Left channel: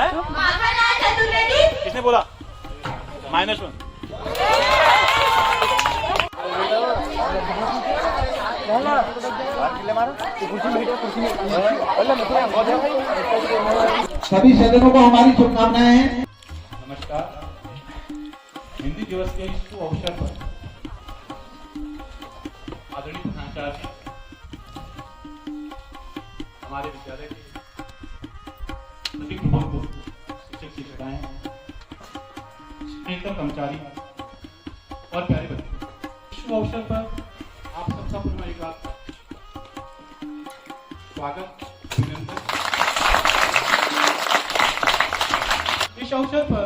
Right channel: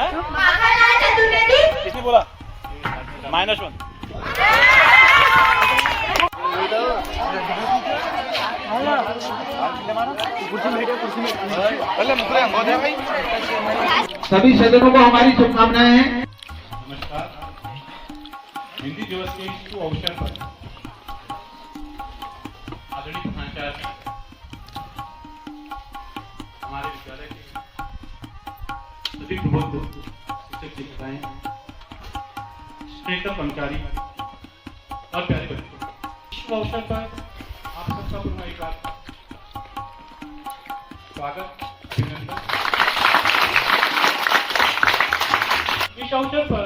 किसने बोला? -1। सभी सदस्यों को हमारी शुभकामनाएं हैं। नमस्कार। हिंदी दिवस के इस अवसर पर आदरणीय प्रधानाचार्य, हमारे विद्यालय के सभी प्रमुख शिक्षक शिक्षिकाएं, शिक्षक कर्मचारी और प्यारे बच्चे, इस अवसर पर आप सबका पुनः एक बार स्वागत, अभिनंदन। इस अवसर पर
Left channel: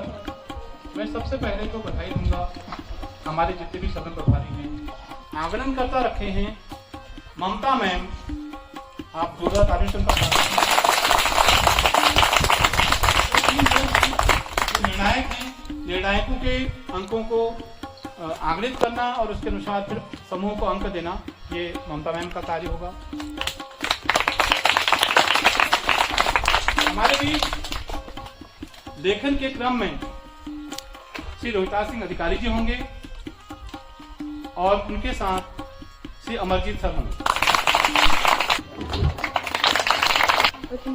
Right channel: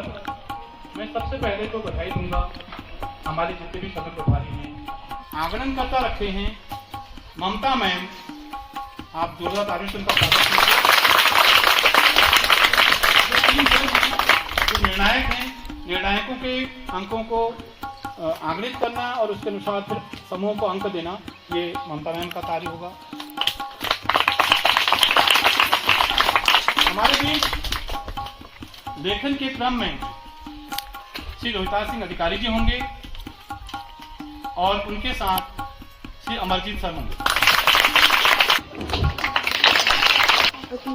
मैं सबसे पहले तो बधाई दूंगा हमारे जितने भी सदन प्रभारी हैं, आंगन करता रखे हैं ममता मैम, आप जोरदार तालियों से उनका स्वागत कीजिए। जो निर्णायक हैं, निर्णायकों के अंकों को आंकलित करना और उसके अनुसार फिर समूह को अंक देना, ये ममता मैम का कार्य होगा। हमारे बीच लेखन के क्रम में श्री रोहिताज सिंह अधिकारी जी होंगे और उनके साथ श्री अमरजीत सर होंगे। उसके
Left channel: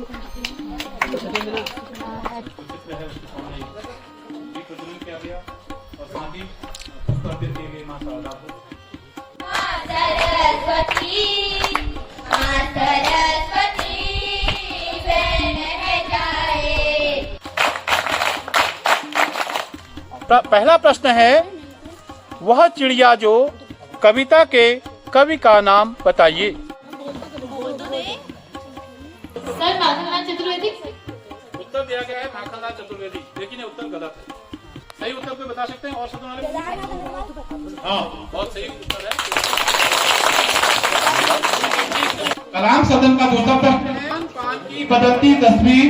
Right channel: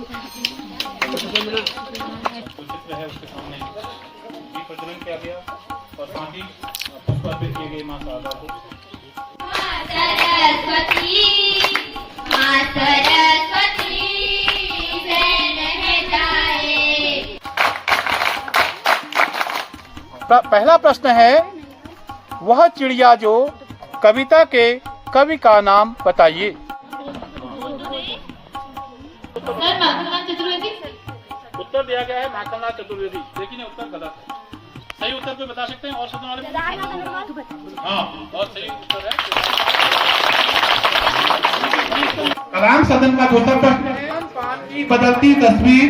सामने प्रज्वलन किया गया और साथ ही पुष्प अर्पित किए गए मां शारदा को। पहला प्रश्न है, वह चिड़िया जो कविता के कवि का नाम बताइए। सर माखनलाल चतुर्वेदी। उत्तर दिया गया है माखनलाल चतुर्वेदी, लेकिन ये उत्तर गलत है। सही उत्तर कोई बता सकते हैं और सदन वाले? हाँ, बहुत सही उत्तर है। कलाम सदन का दूसरा प्रश्न है, बदलती तस्वीर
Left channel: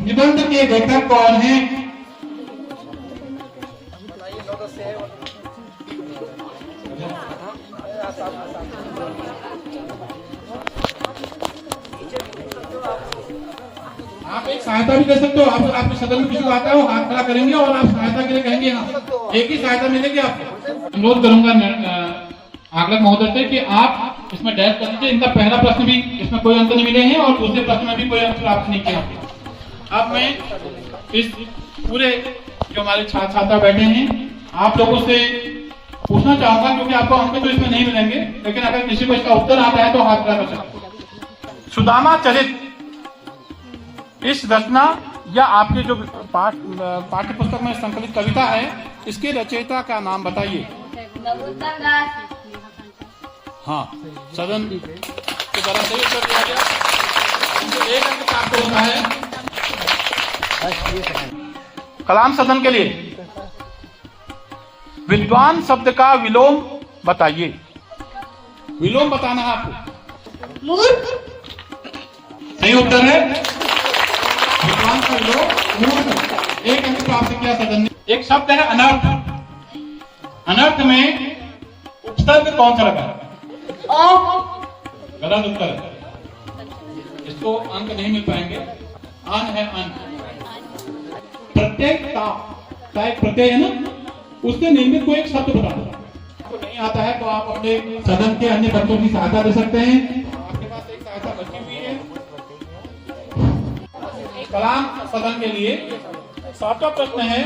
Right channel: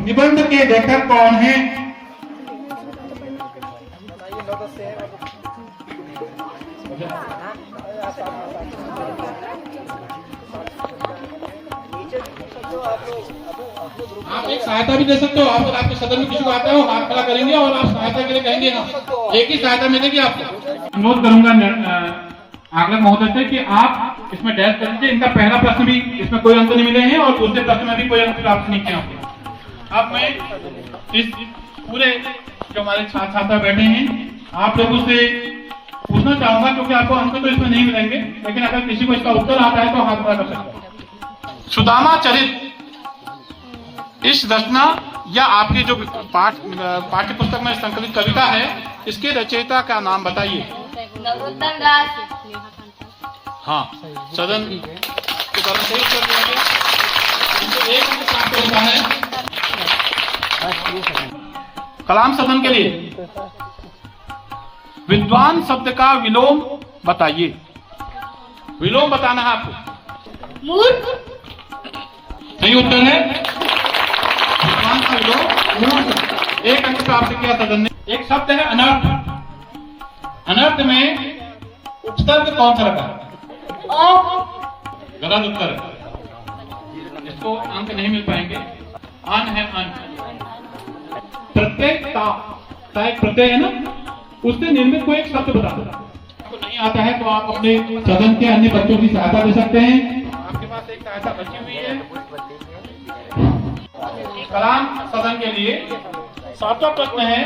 निबंध के लेखक कौन है? आप एक सहायता भी दे सकते हो। आप आपके सदन में किसी को आता है वो हाथ खड़ा करेंगे और आप सहायता के लिए कहेंगे हाँ, एक ही सहायता मिलेगी आपको। अनुरोध करूंगा आगलक महोदय से कि आप इसमें डैश कर दीजिए। इनका पहला प्रश्न भी इसमें कोई अंक नहीं मिले हैं और दूसरे प्रश्न में भी कोई अंक प्राप्त नहीं किया। अब मैं इस पूरे जो हमारे छात्र छात्रा बैठे हैं आप लोगों से पूछना चाहूंगा, क्योंकि आपको अंक तो इसमें नहीं मिलेंगे, लेकिन अगर किसी को इसका उत्तर आता है तो हाथ खड़ा कर सकते। सुदामा चरित इस रचना या आपकी जो पाठ्य पुस्तक में संकलित कविता है, इसके रचयिता का नाम बताइए। नरोत्तम दास। हाँ, सदन के द्वारा सही उत्तर दिया गया। एक अंक आपको मिला है। कलाम सदन के लिए विद्वान शब्द का विलोम बताइए। विलोम बताना है आपको। मूर्ख। सही उत्तर है। विद्वान का विलोम एक अंक प्राप्त किया सदन ने। एक शब्द है अनर्थ। अनर्थ में उपसर्ग कौन सा लगा? गलत उत्तर है, इसको अंक नहीं मिल पाएंगे। अन है अन। प्रत्येक प्रत्यय है ना, उससे निर्मित कोई एक शब्द बता दो। आपको नहीं आता है तो आप अपने सदन के अन्य बच्चों की सहायता दे सकते हैं। आपके पास एक सहायता बची हुई है। कलाम सदन के लिए सातवां प्रश्न है,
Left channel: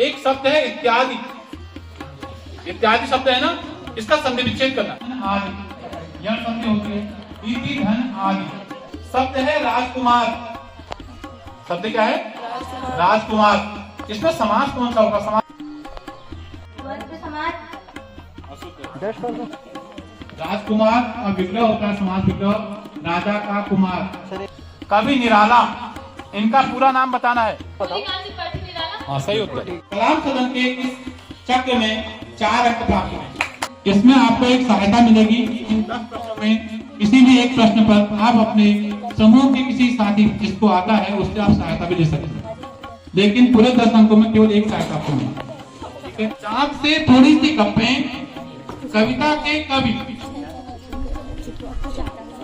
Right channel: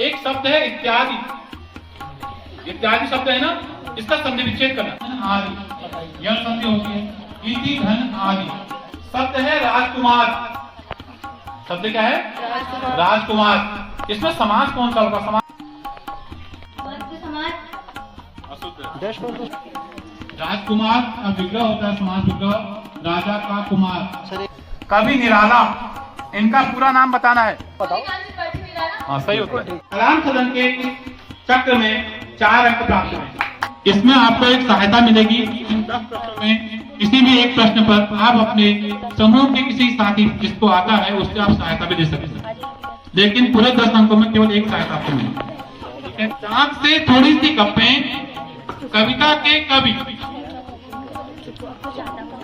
एक शब्द है इत्यादि। इत्यादि शब्द है ना, इसका संधि विच्छेद करना। आदि, यह संधि होगी इति धन आदि। शब्द है राजकुमार। शब्द क्या है? राजकुमार। इसमें समास कौन सा होगा? समास राजकुमार का विग्रह होता है, समास विग्रह, राजा का कुमार। कवि निराला, इनका पूरा नाम बताना है। हाँ, सही उत्तर। कलाम सदन के इस चक्र में 4 अंक प्राप्त हैं। इसमें आपको एक सहायता मिलेगी। इन 10 प्रश्नों में किसी भी एक प्रश्न पर आप अपने समूह के किसी साथी जिसको आता है उससे आप सहायता भी दे सकते हैं, लेकिन पूरे 10 अंकों में केवल एक सहायता आपको मिलेगी। ठीक है। चाक से थोड़ी सी गप्पें, कविता के कवि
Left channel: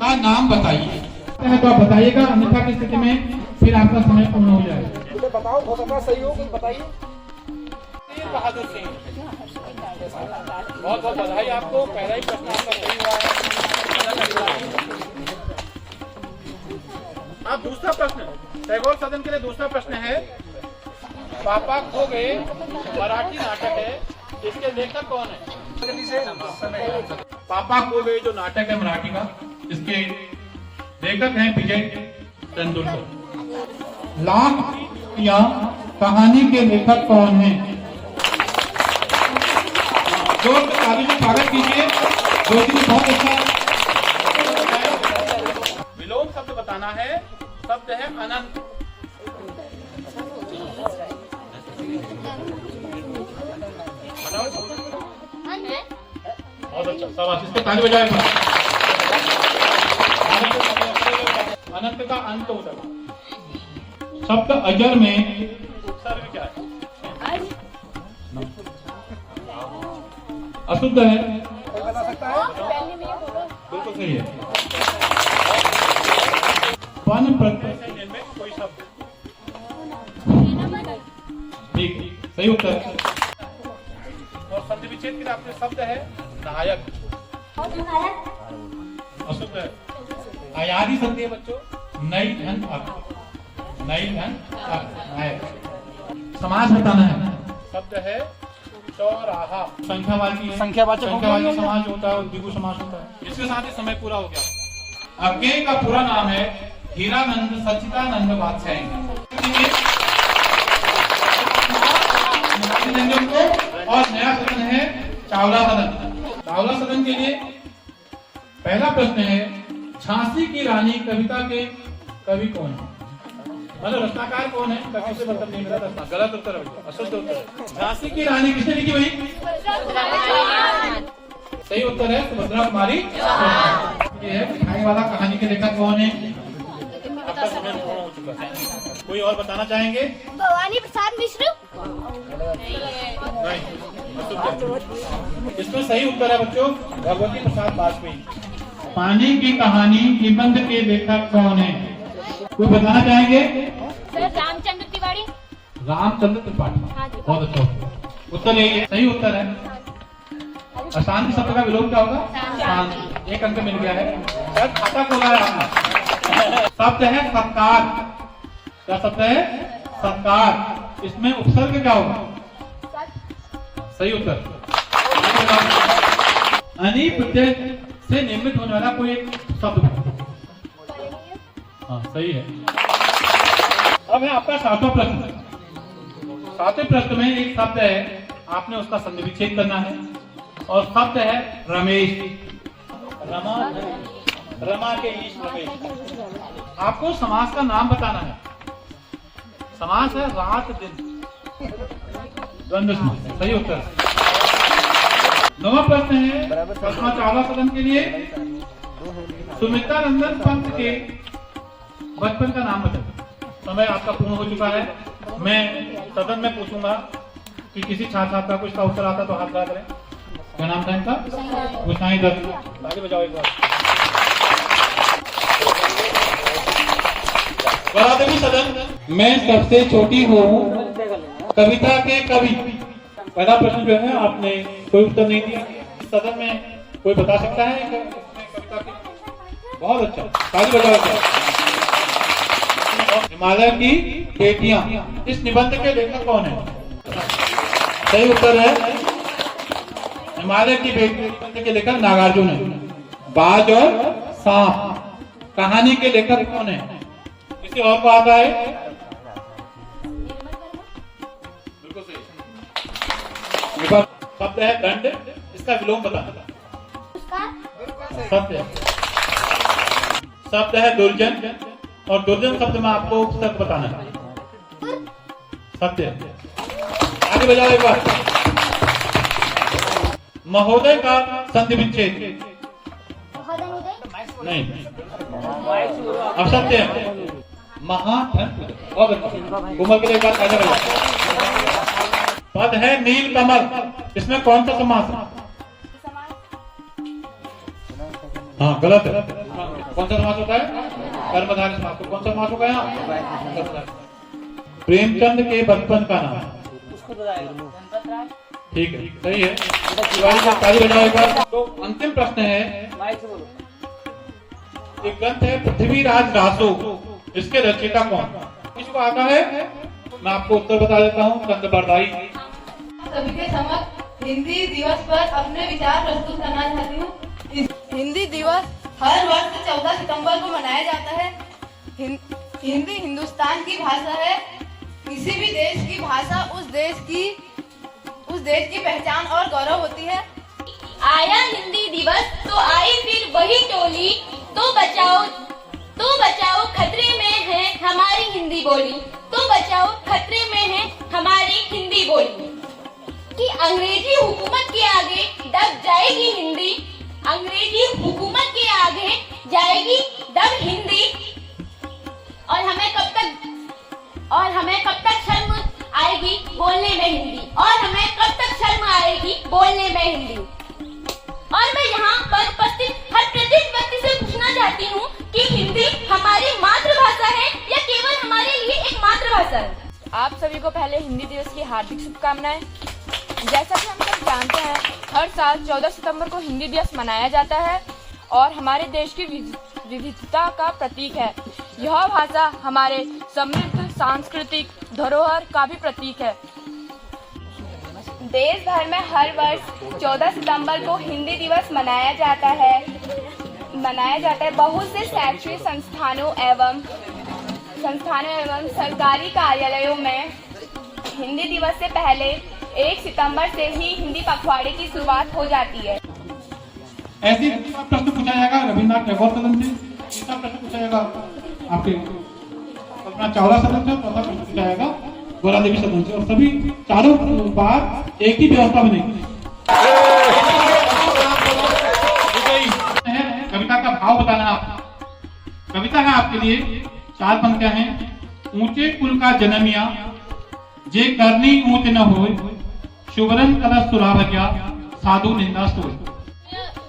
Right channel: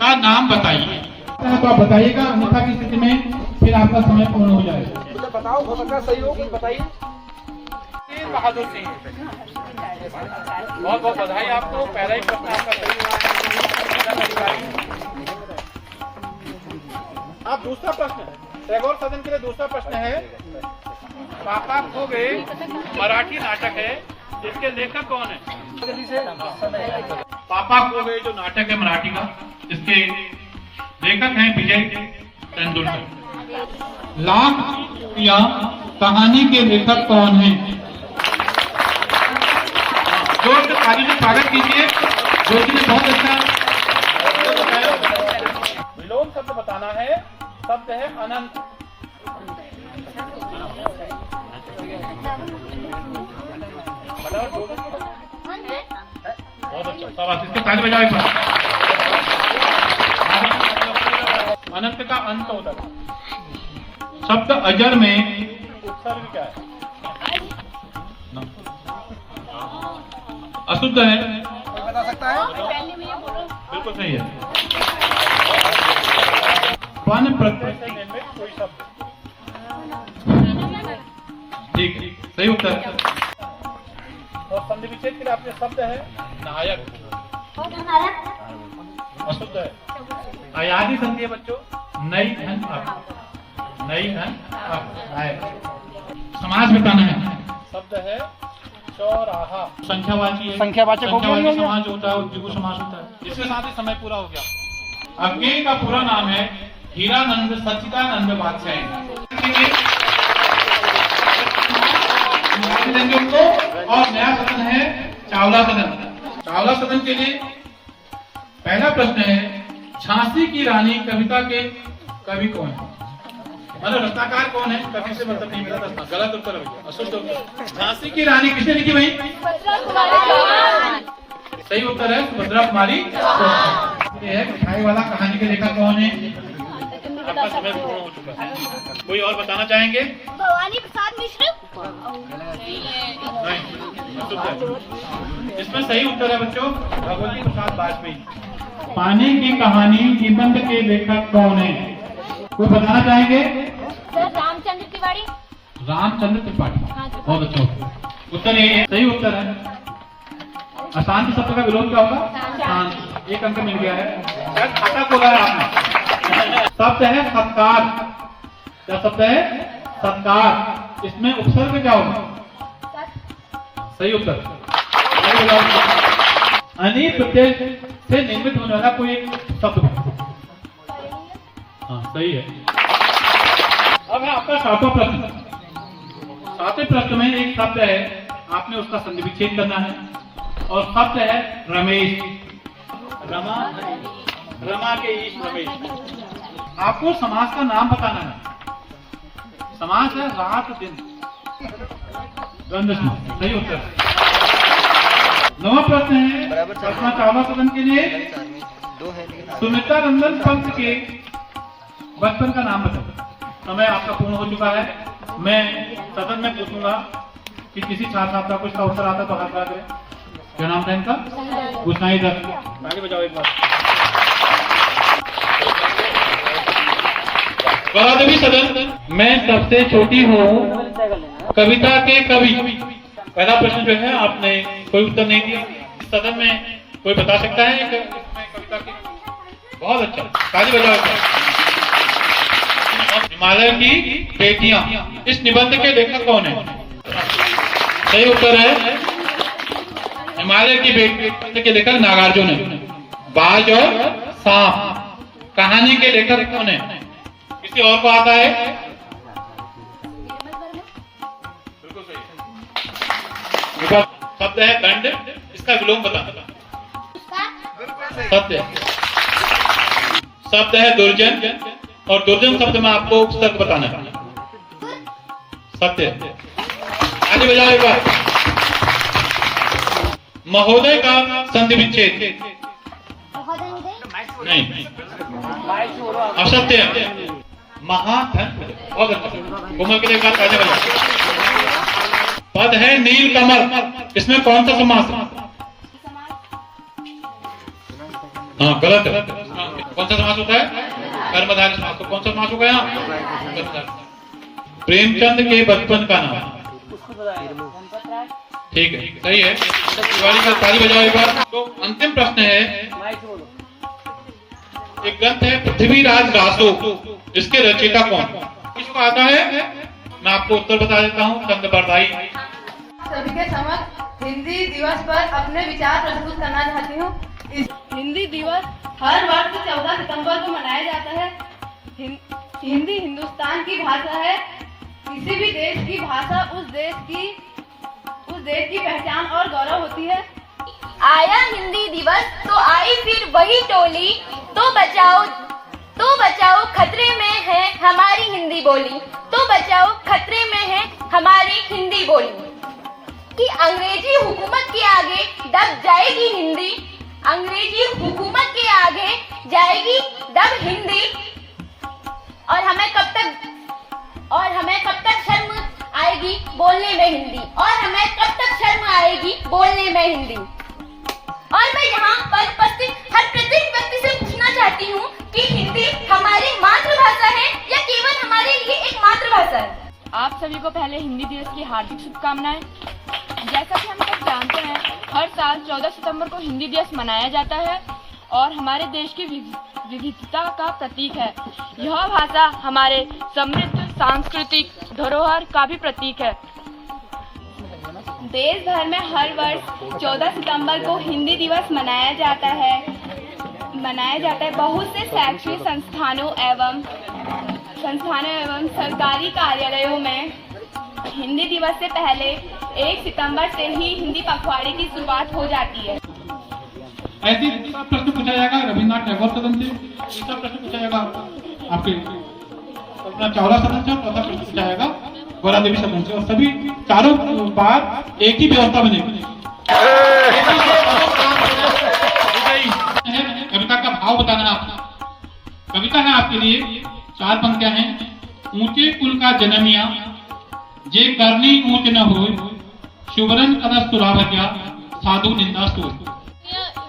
का नाम बताइए। तो आप बताइएगा, अन्यथा की स्थिति में फिर आपका समय पूर्ण हो जाएगा। बताओ बताना सहयोग बताइए। तीर बहादुर सिंह, बहुत बहुत बधाई आपको, पहला ही प्रश्न आपका सही हुआ है। अब दूसरा प्रश्न टैगोर सदन के लिए दूसरा प्रश्न है, पापा खो गए मराठी नाटक है, जिसके लेखक कौन है? पापा खो गए जो नाटक है मराठी का, इसके लेखक हैं विजय तेंदुलकर। लाख या कहानी के लेखक कौन हैं? जोर से ताली से स्वागत कीजिए, जो कि बहुत अच्छा। विलोम शब्द बताना है, शब्द है अनंत। बहुत अच्छा, शाबाश, इसको ताली बजाओ एक बार। अनंत का अंत होता है। शब्द अजर में उपसर्ग क्या है? अशुद्ध है, कोई बता सकता है? बिल्कुल सही है। वन प्रत्यय, कोई शब्द ठीक है, सही उत्तर है। और संधि विच्छेद के लिए आपके शब्द है नायक, अशुद्ध है। अयादी संधि है बच्चों, नई धन अर्थ, नई धन अर्थ, नायक। समास बताना है, शब्द है चौराहा, संख्यावाची है, संख्यावाचक हो गया, नहीं हो गया? समास होता है और द्विगु समास होता है। इसके साथ ही समय पूरा हो गया। अज्ञेय का पूरा नाम है हीरानंद सच्चिदानंद बादशाही। और नया सदन है चावला सदन। चावला सदन के लिए पहला प्रश्न है, झांसी की रानी कविता के कवि कौन है? मतलब रचनाकार कौन है? कवि से मतलब नहीं मिला था, गलत उत्तर है, अशुद्ध उत्तर। झांसी की रानी किसने लिखी भाई? सही उत्तर है सुभद्रा कुमारी। ये है मिठाई वाला कहानी के लेखक कौन है? आपका समय पूर्ण हो चुका है। कोई और बताना चाहेंगे? भवानी प्रसाद मिश्र। नहीं, अशुद्ध है। इसमें सही उत्तर है बच्चों भगवती प्रसाद वाजपेयी। पानी की कहानी निबंध के लेखक कौन है? कोई बताना चाहेंगे? सर रामचंद्र तिवारी। रामचंद्र त्रिपाठी। बहुत अच्छा उत्तर, उत्तर यही है, सही उत्तर है। अशांति शब्द का विलोम क्या होगा? शांति। एक अंक मिल गया है। शायद खाता खोला है आपने। शब्द है सत्कार। क्या शब्द है? सत्कार। इसमें उपसर्ग क्या होगा? सही उत्तर। अनि प्रत्यय से निर्मित होने वाला कोई एक शब्द है। हाँ सही है। अब है आपका सातवां प्रश्न। सातवें प्रश्न में एक शब्द है, आपने उसका संधि विच्छेद करना है और शब्द है रमेश। रमा, रमा के ईश रमेश। आपको समास का नाम बताना है। समास है रात दिन, द्वंद्व समास। सही उत्तर है। नवा प्रश्न है अपना चावला सदन के लिए, सुमित्रा रंजन पंत के बचपन का नाम बताओ। समय आपका पूर्ण हो चुका है। मैं सदन में पूछूंगा कि किसी छात्र छात्रा को इसका उत्तर आता तो हाथ खड़ा करें। क्या नाम था इनका? गुसाई दत्त। आगे बजाओ एक बार। गौरवी सदन, मैं सबसे छोटी हूँ, कविता के कवि। पहला प्रश्न जो है आपने कोई उत्तर नहीं दिया। इस सदन में कोई बता सकता है कविता की? बहुत अच्छा, ताली बजाओ। हिमालय की बेटियां, इस निबंध के लेखक कौन है? सही उत्तर है हिमालय की बेटियां के लेखक नागार्जुन है। बाज और सांप, कहानी के लेखक कौन है? किसी और को आता है? बिल्कुल सही। शब्द है दंड, इसका विलोम बताना। सत्य। शब्द है दुर्जन और दुर्जन शब्द में आपको उपसर्ग बताना है। सत्य। आगे बजाओ एक बार। महोदय का संधि विच्छेद नहीं, असत्य है। महाधन। बहुत अच्छा, घूमर के लिए एक बार आगे बजाओ। पद है नील कमल, इसमें कौन सा समास है? हाँ गलत है। कौन सा समास होता है? कर्मधारय समास। तो कौन सा समास होगा यहाँ? प्रेमचंद के बचपन का नाम। ठीक है, सही है। तिवारी का ताली बजाओ एक बार। तो अंतिम प्रश्न है, एक ग्रंथ है पृथ्वीराज रासो, इसके रचयिता कौन? किसको आता है? मैं आपको उत्तर बता देता हूँ। चंद बरदाई। सभी के समक्ष हिंदी दिवस पर अपने विचार प्रस्तुत करना चाहती हूँ। हिंदी दिवस हर वर्ष 14 सितंबर को मनाया जाता है। हिंदी हिंदुस्तान की भाषा है। किसी भी देश की भाषा उस देश की पहचान और गौरव होती है। आया हिंदी दिवस तो आई फिर वही टोली, तो बचाओ खतरे में है हमारी हिंदी बोली, तो बचाओ खतरे में है हमारी हिंदी बोली। कि अंग्रेजी हुकूमत के आगे दब जाएगी हिंदी, अंग्रेजी हुकूमत के आगे जाएगी दब हिंदी। और हमें कब तक शर्म आएगी बोलने में हिंदी, और हमें कब तक शर्म आएगी बोलने में हिंदी। और मैं यहाँ पर उपस्थित हर प्रत्येक व्यक्ति से पूछना चाहती हूँ कि हिंदी हमारी मातृभाषा है या केवल हमारे लिए एक मातृभाषा है। आप सभी को पहले हिंदी दिवस की हार्दिक शुभकामनाएं। जैसा कि हम सब जानते हैं, हर साल 14 सितंबर को हिंदी दिवस मनाया जाता है और हमारे देश की विविधता का प्रतीक है। यह भाषा हमारे समृद्ध सांस्कृतिक धरोहर का भी प्रतीक है। देश भर में हर वर्ष 14 सितंबर को हिंदी दिवस मनाया जाता है। बहुत से शैक्षणिक संस्थानों एवं सरकारी कार्यालयों में हिंदी दिवस से पहले 1 सितंबर से ही हिंदी पखवाड़े की शुरुआत हो जाती है। ऐसी प्रश्न पूछा जाएगा रविन्द्रनाथ टैगोर सदन से, तीसरा प्रश्न पूछा जाएगा आपके अपना चावला सदन से, और चौथा प्रश्न पूछा जाएगा गोरा देवी सदन से। और सभी चारों बार एक ही व्यवस्था बनेगी। कविता का भाव बताना है आपको। कविता है आपके लिए 4 पंक्तियां हैं। ऊंचे कुल का जन्मिया, जे करनी ऊंच न होय, शुभरन कदस तुराभज्ञा, साधु निंदा सोय।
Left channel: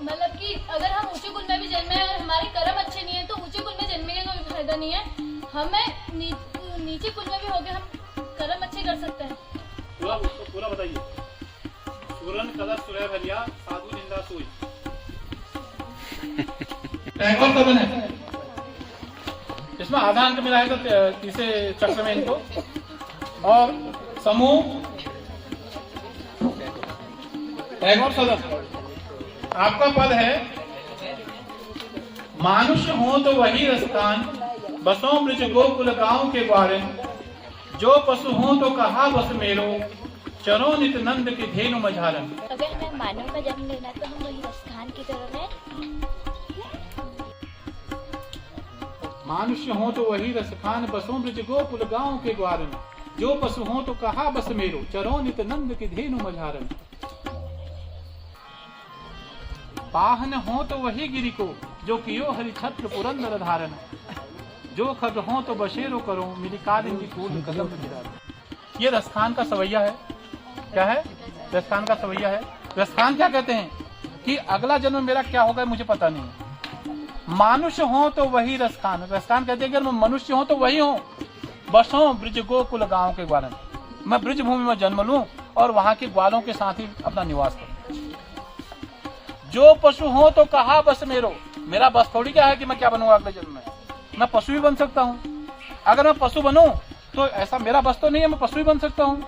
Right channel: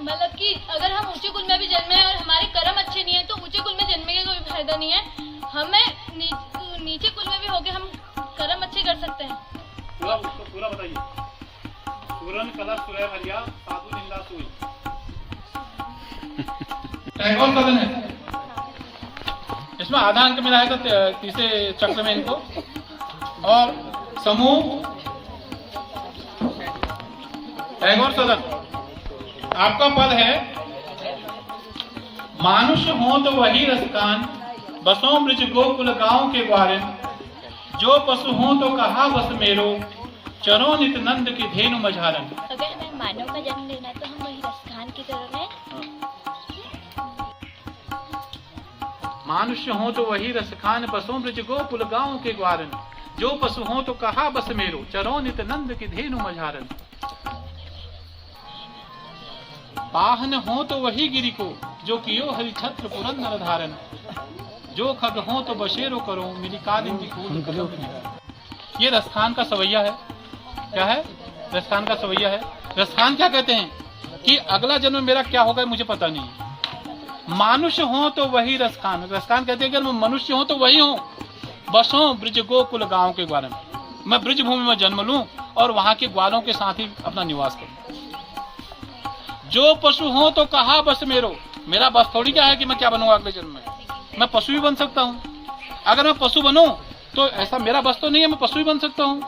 मतलब कि अगर हम ऊंचे कुल में भी जन्मे और हमारे कर्म अच्छे नहीं है तो ऊंचे कुल में जन्मे का कोई फायदा नहीं है। हमें नीचे कुल में भी होके हम कर्म अच्छे कर सकते हैं। पूरा बताइए। शुभरन कदस तुराभज्ञा, साधु निंदा सोय। टैगोर सदन है, इसमें आधा अंक मिला है तो तीसरे चक्र में इनको। और समूह टैगोर सदन, आपका पद है मानुष हो तो वही रसकान, बसों ब्रज गोकुल गांव के ग्वारिन, जो पशु हो तो कहा बस मेरो, चरो नित नंद की धेनु मझारन। अगर हमें मानव का जन्म लेना तो हम वही रसखान की तरह हैं। मानुष्य हो तो वही रसखान, बसों ब्रज गोकुल गांव के ग्वारन, जो पशु हो तो कहा बस मेरो, चरो नित नंद की धेनु मझारन। पाहन हो तो वही गिरि को, जो कियो हरि छत्र पुरंदर धारन, जो खग हो तो बशेरो करो, मिली कालिंदी फूल कदम गिरा। ये रसखान का सवैया है। क्या है? रसखान का सवैया है। रसखान क्या कहते हैं कि अगला जन्म मेरा क्या होगा मुझे पता नहीं। मानुष्य हो तो वही रसखान, रसखान कहते हैं कि मैं मनुष्य हूं तो वही हूं। बसों ब्रज गोकुल गांव के ग्वारन, मैं ब्रज भूमि में जन्म लूं और वहां के ग्वालों के साथ ही अपना निवास करूं। जो पशु हो तो कहा बस मेरो, मेरा बस थोड़ी क्या है कि मैं क्या बनूंगा अगले जन्म में। मैं पशु भी बन सकता हूँ। अगर मैं पशु बनूं तो ऐसा मेरा बस तो नहीं है, मैं पशु भी बन सकता हूँ।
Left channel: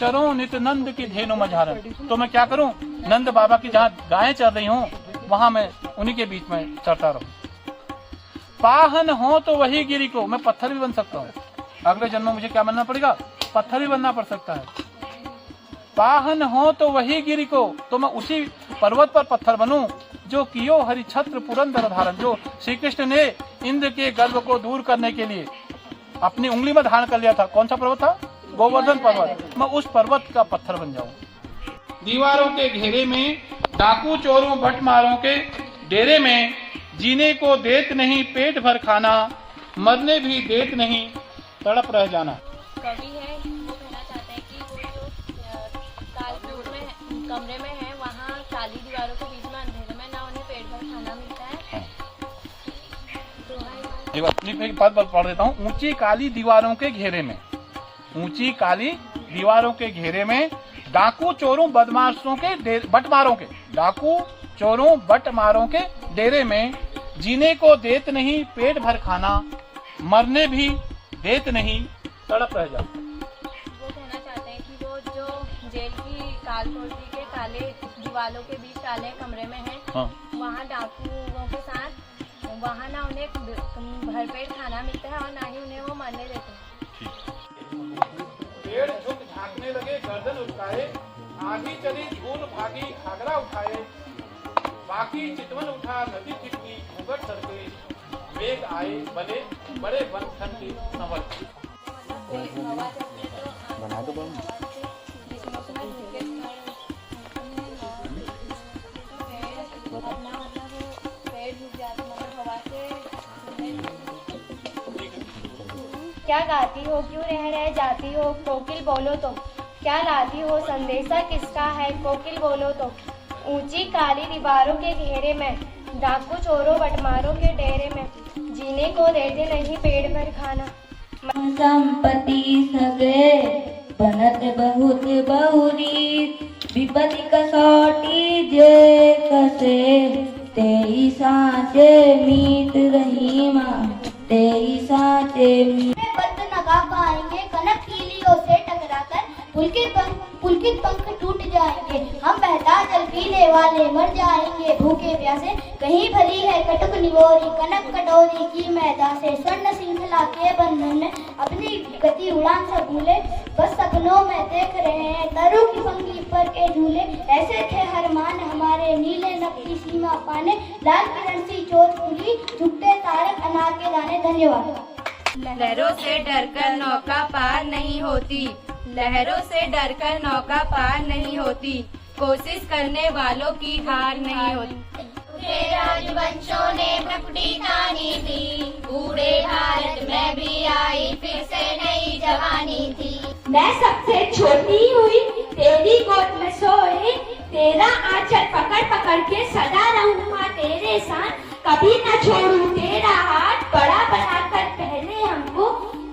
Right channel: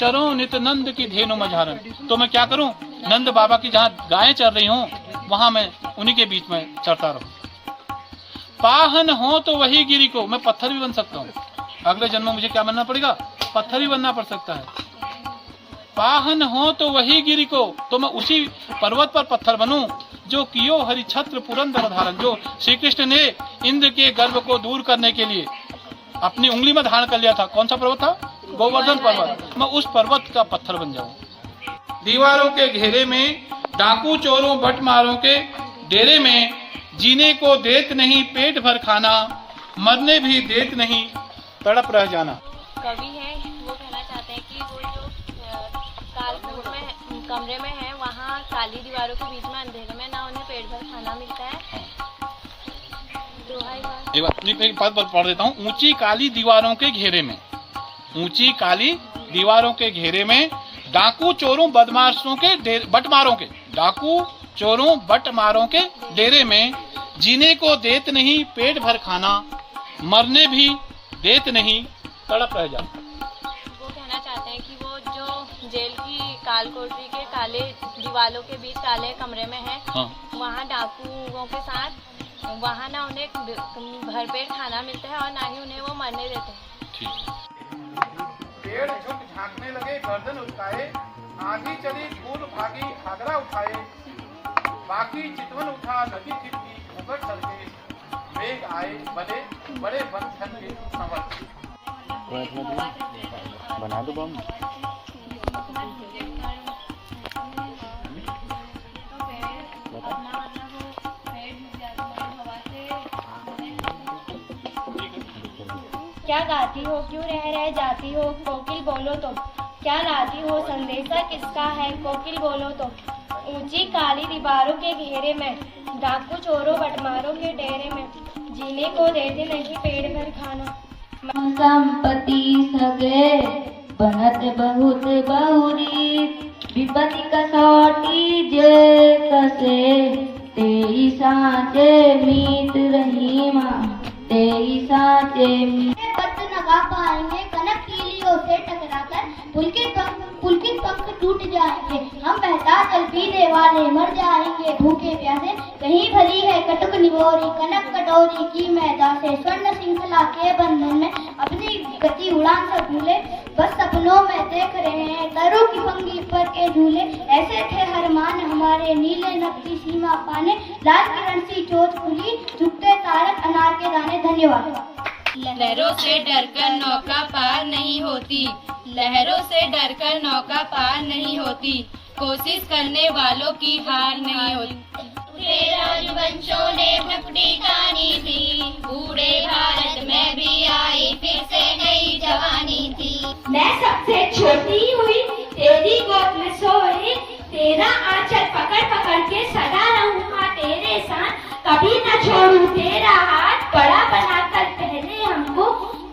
चरो नित नंद की धेनु मझारन, तो मैं क्या करूं, नंद बाबा की जहाँ गायें चर रही हूँ वहां मैं उन्हीं के बीच में चरता रहूं। पाहन हो तो वही गिरि को, मैं पत्थर भी बन सकता हूँ। अगले जन्म में मुझे क्या बनना पड़ेगा, पत्थर भी बनना पड़ सकता है। पाहन हो तो वही गिरि को, तो मैं उसी पर्वत पर पत्थर बनूं जो कियो हरि छत्र पुरंदर धारण, जो श्री कृष्ण ने इंद्र के गर्व को दूर करने के लिए अपनी उंगली में धारण कर लिया था। कौन सा पर्वत था? गोवर्धन पर्वत। मैं उस पर्वत का पत्थर बन जाऊं। दीवारों के घेरे में, डाकू चोरों बटमारों के डेरे में, जीने को देत नहीं पेट भर खाना, मरने भी देत नहीं तड़प रह जाना। कवि है वो कहना चाहते हैं कि वो जो कालकूट में कमरे में है, वहाँ काली दीवारों के बीच में अंधेरे में ना उन्हें पेट भर खाना मिलता है, एक बार पढ़ देता हूँ। ऊंची काली दीवारों के घेरे में, ऊंची काली दीवारों के घेरे में डाकू चोरों बदमाशों के बटमारों के, डाकू चोरों बटमारों के डेरे में जीने को देत नहीं पेट भर खाना, मरने भी देत नहीं तड़प रह जाता। वो कहना चाहते हैं कि वो जो जेल की काल कोठरी के काले दीवालों के बीच काले कमरे में है, हाँ। वहाँ डाकुओं के साथ वहाँ ना उन्हें भरपेट खाना मिलता है और ना ही उन्हें वो मरने देते हैं। ठीक। पेड़ झुक झांकने लगे गर्दन उठाए, आंधी चली धूल भागी घाघरा उठाए, बाकी चितवन उठा नदी छिटकी घूंघट सड़के, मेघ आए बने बड़े बंधन के संवर। बना दो बम। क्या गाती हो, क्यों रह जाती हो, कोकिल बोलो तो क्या लाती हो, संदेशा किसका है, कोकिल बोलो तो। ऊंची काली दीवारों के घेरे में डाकू चोरों बटमारों के डेरे में जीने को देते नहीं पेट भर खाना। संपत्ति सगळे बनत बहुत बहुरी, विपत्ति कसौटी जे कसे, तेई साचे मीत रही माँ, तेई साचे मीत। पत्त लगा पाएंगे कनक कीलियों से टकराकर, पुलकित पंख टूट जाएंगे, हम बहता जल पीने वाले मर जाएंगे भूखे प्यासे। कहीं भली है कटक निगोरी कनक कटोरी की मैदा से, स्वर्ण श्रृंखला के बंधन में अपनी गति उड़ान सब भूले, बस सपनों में देख रहे हैं तरों की पंगी पर के झूले। ऐसे थे हर मान हमारे नीले नभ की सीमा पाने, लाल किरण सी चोट खुली झुकते तारक अनार के दाने। धन्यवाद। लहरों से डरकर नौका पार नहीं होती, लहरों से डरकर नौका पार नहीं होती, कोशिश करने वालों की हार नहीं होती। राजवंशों ने भ्रकुटी तानी थी, बूढ़े भारत में भी आई फिर से नई जवानी थी। मैं सबसे छोटी हुई तेरी गोद में सोई, तेरा आंचल पकड़ पकड़ के सदा रहूं माँ तेरे साथ, कभी न छोड़ू तेरा हाथ, बड़ा बनाकर पहले हमको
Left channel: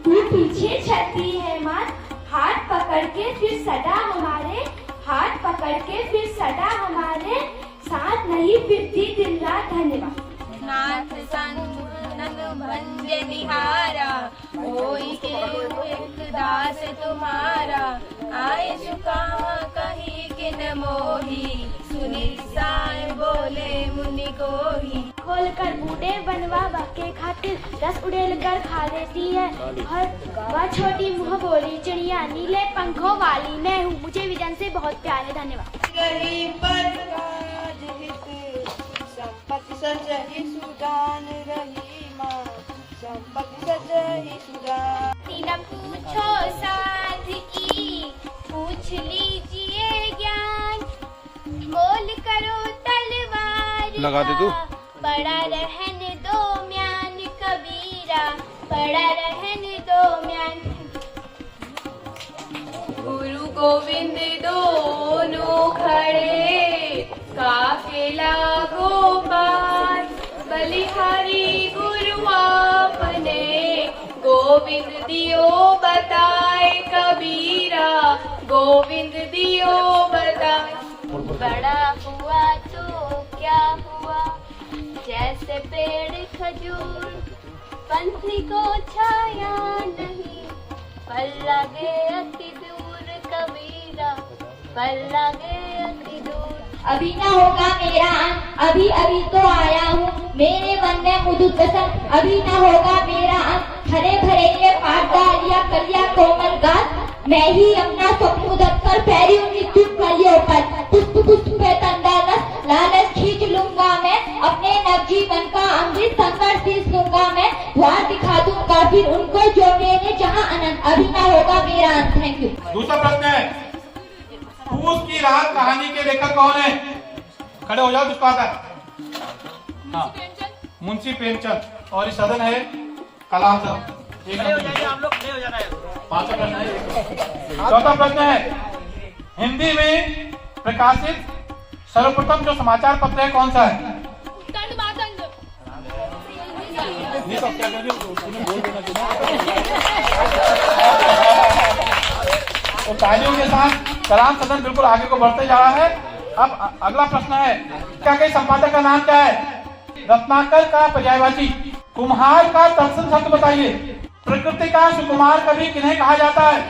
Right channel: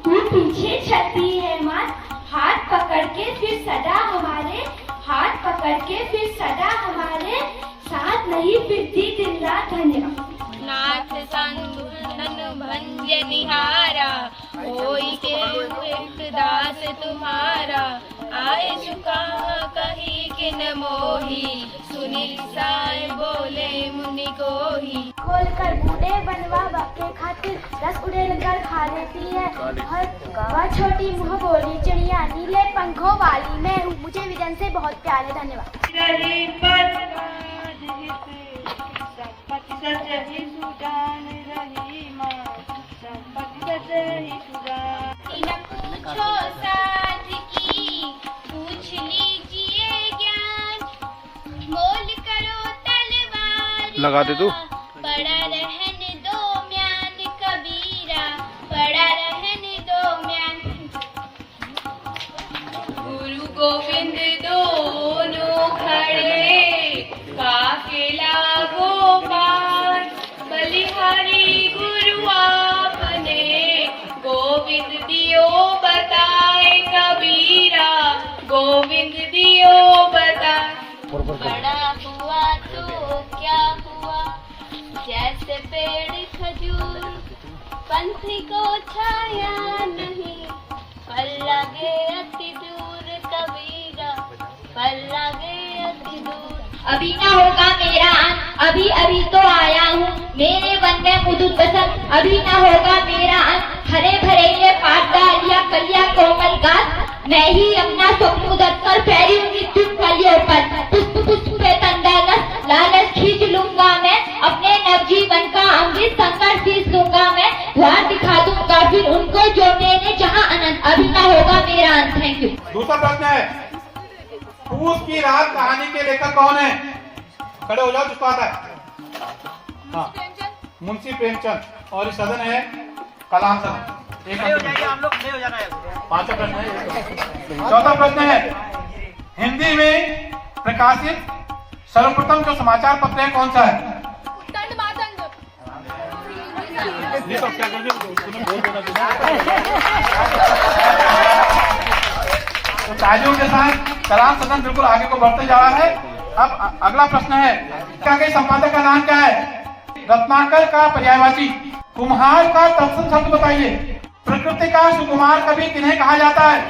तू पीछे चलती है माँ, हाथ पकड़ के फिर सदा हमारे, हाथ पकड़ के फिर सदा हमारे साथ नहीं फिरती दिन रात। धन्यवाद। नाथ संग भंज निहारा, होई के एक दास तुम्हारा, आए चुका कहीं किन मोही, सुनी साए बोले मुनि कोही। खोल कर बूढ़े बनवा बके खातिर रस उड़ेल कर खा लेती है, और वह छोटी मुँह बोली चिड़िया नीले पंखों वाली मैं हूँ। मुझे विजन से बहुत प्यार है। धन्यवाद। पूछो साध की पूछ लीजिए ज्ञान, मोल करो तलवार लगा दे तू। बड़ा रहन दो म्यान कबीरा, बड़ा रहन दो म्यान। गुरु गोविंद दोनों खड़े, काफिला गोपाल, बलिहारी गुरु आपने, गोविंद दियो बताए कबीरा, गोविंद दियो बताए। बड़ा हुआ तो क्या हुआ, जैसे पेड़ खजूर, पंथी को छाया नहीं, पल लगे अति दूर कबीरा, पल लगे अति दूर। अभी न होगा मेरा अंत, अभी अभी तो आया हूँ, मेरे वन में मुदुत बसंत, अभी न होगा मेरा अंत। हरे भरे ये पाट डालिया कलिया कोमल गात, मैं ही अपना स्वप्न उदर कर फैली मृत्यु फलियों पर, पुष्प पुष्प पे तंडालस लालच खींच लूंगा मैं, अपने नवजीवन का अमृत संकर सींच लूंगा मैं, द्वार दिखा दूंगा फिर उनको जो मेरे जहाँ अनंत, अभी न होगा मेरा अंत। Thank you. दूसरा प्रश्न है, फूस की रात कहानी के लेखक कौन है? खड़े हो जाओ जिसको आता है। हाँ, मुंशी प्रेमचंद। और इस सदन है कलाम साहब। एक हम लोग खड़े हो जाना है। पांचवा प्रश्न है। चौथा प्रश्न है, हिंदी में प्रकाशित सर्वप्रथम जो समाचार पत्र है कौन सा है? तालियों के साथ कलाम सदन बिल्कुल आगे को बढ़ते जा रहा है। अब अगला प्रश्न है, क्या के संपादक का नाम क्या है? रत्नाकर का पर्यायवाची। कुम्हार का तत्सम शब्द बताइए। प्रकृति का सुकुमार कवि किन्हें कहा जाता है?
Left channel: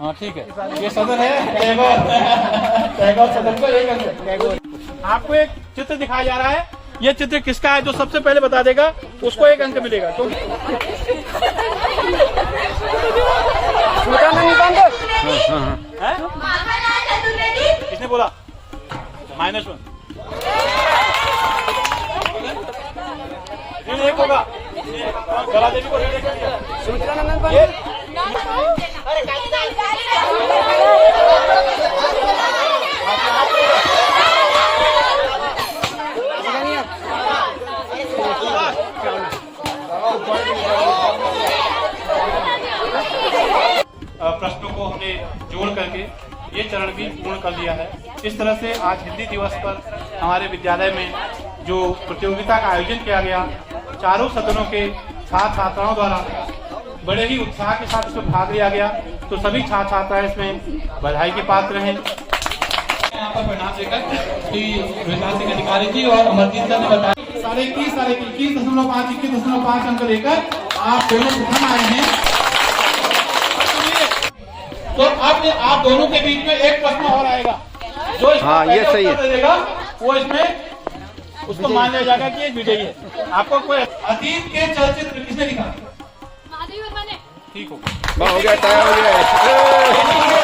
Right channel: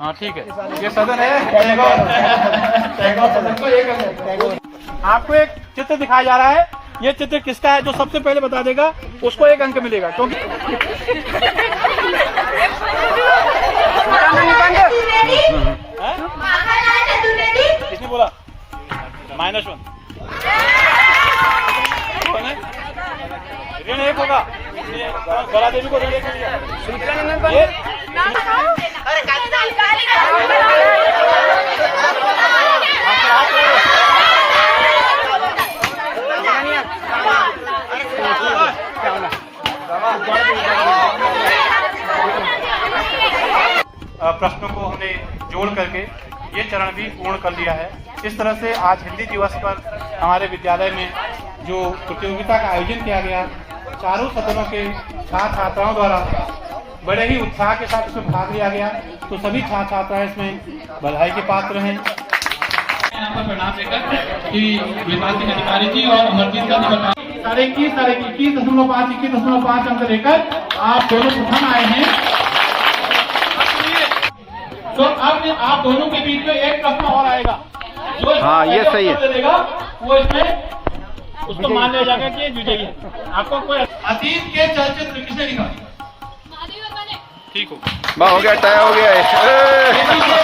हाँ ठीक है, ये सदन है। सदन को एक आपको एक चित्र दिखाया जा रहा है। ये चित्र किसका है? जो सबसे पहले बता देगा उसको 1 अंक मिलेगा। क्योंकि किसने बोला? -1 ऋण 1 होगा। गला देवी को ऋण 1 प्रश्नों को हमने जोड़ करके ये चरण भी पूर्ण कर लिया है। इस तरह से आज हिंदी दिवस पर हमारे विद्यालय में जो प्रतियोगिता का आयोजन किया गया, चारों सदनों के छात्र छात्राओं द्वारा बड़े ही उत्साह के साथ इसमें भाग लिया गया। तो सभी छात्र छात्राएं इसमें बधाई के पात्र हैं। यहाँ पर परिणाम देकर कि विभाग अधिकारी जी और अमरजीत सर ने बताया 21.5 अंक लेकर आप दोनों प्रथम आए हैं। तो अब आप दोनों के बीच में एक प्रश्न और आएगा। जो हाँ ये सही है, वो इसमें उसको मान लिया जाएगा कि ये विजयी है। आपको कोई अतीत के चलचित्र किसने लिखा? ठीक हो गया, तय हो गया है।